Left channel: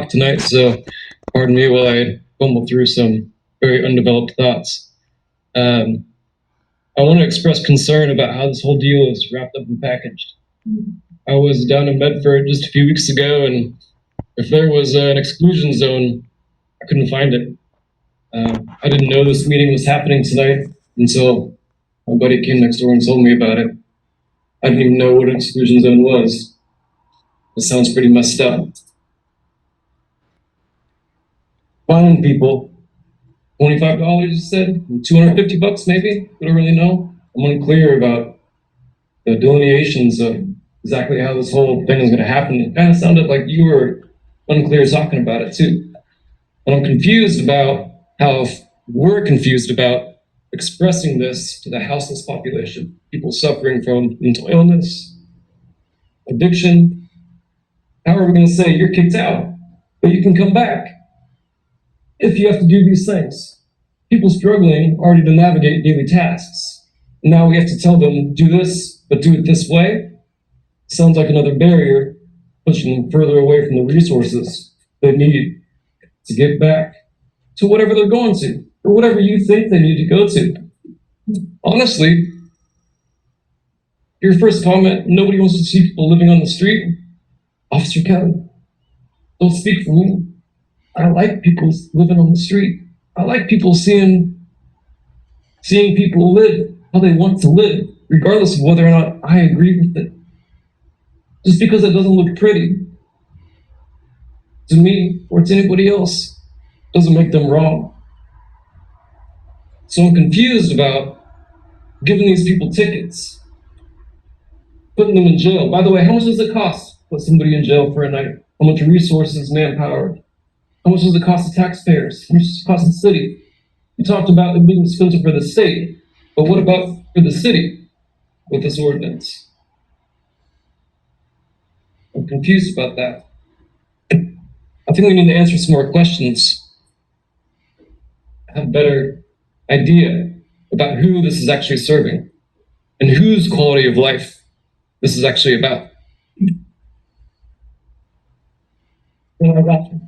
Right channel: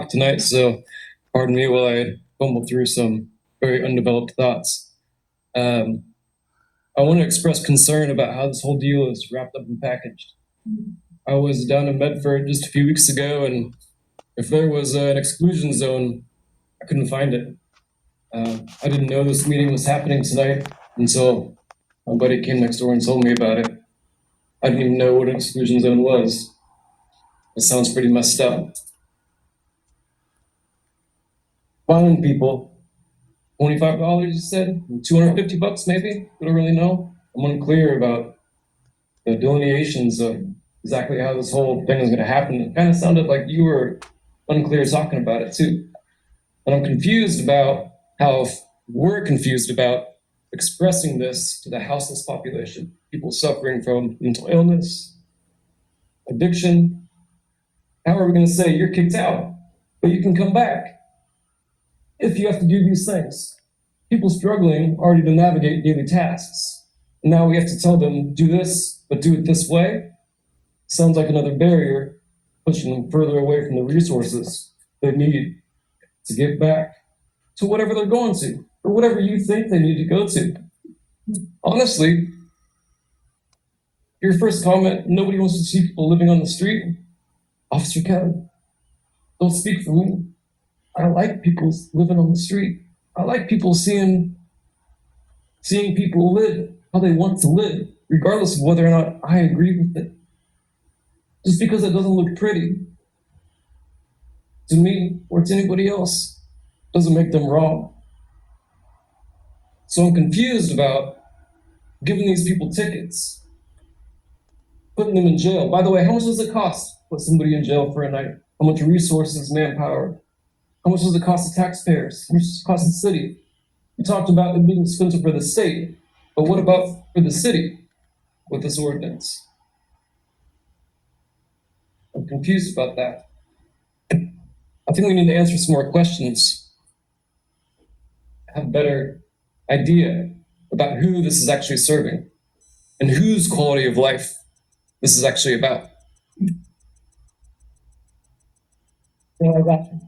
talk tonight, so pardon me while I fumble through some very undeveloped thoughts. I want to express concern about how this whole deal is wrapped up and packaged. I was down in Medford just a few weeks ago, and if there was an exclusion zone, I couldn't find it. I didn't know this meeting was happening tonight until my buddy came next door and told me about it. I didn't even know what an exclusion zone was. It sounds pretty messed up. Finding people, $25 you said, $250 maybe? I don't really know. I'm unclear about the delineations of exactly how this whole thing is going to happen. It kind of sounded like you were unclear talking about it too. And I'm confused about how we're confused about expressing this to the houseless population, people suffering from mental illness, addiction. How are we going to say you're kicked out, but you can come back if you have to do these things? People struggling already to navigate daily tasks. Now we have to tell them, do this, but do it this way. Sounds like another barrier, pushing them further away from the resources they need to get back to whatever they're going to, or whatever you think they need to go to. Honestly, your first comment, nobody wants to see people living on the street. Officer Kelly, don't speak for me. I like people living on the street. I like people seeing people live how they want to live, regardless of whether or not I agree with it. Just because it doesn't look pretty to me or to anybody else doesn't make them wrong. So I'm confused about giving these people tickets, putting them in jail. By the way, how much does it cost to put somebody in jail for a night? How much resources, manpower? How much does it cost the taxpayers? How much does it cost the city? You talked about it being expensive for the state, but what about for the city with this ordinance? I'm confused about that. I think we need to answer some more questions, have a better idea about who this is actually serving and whose quality of life this is actually about. No, I got you.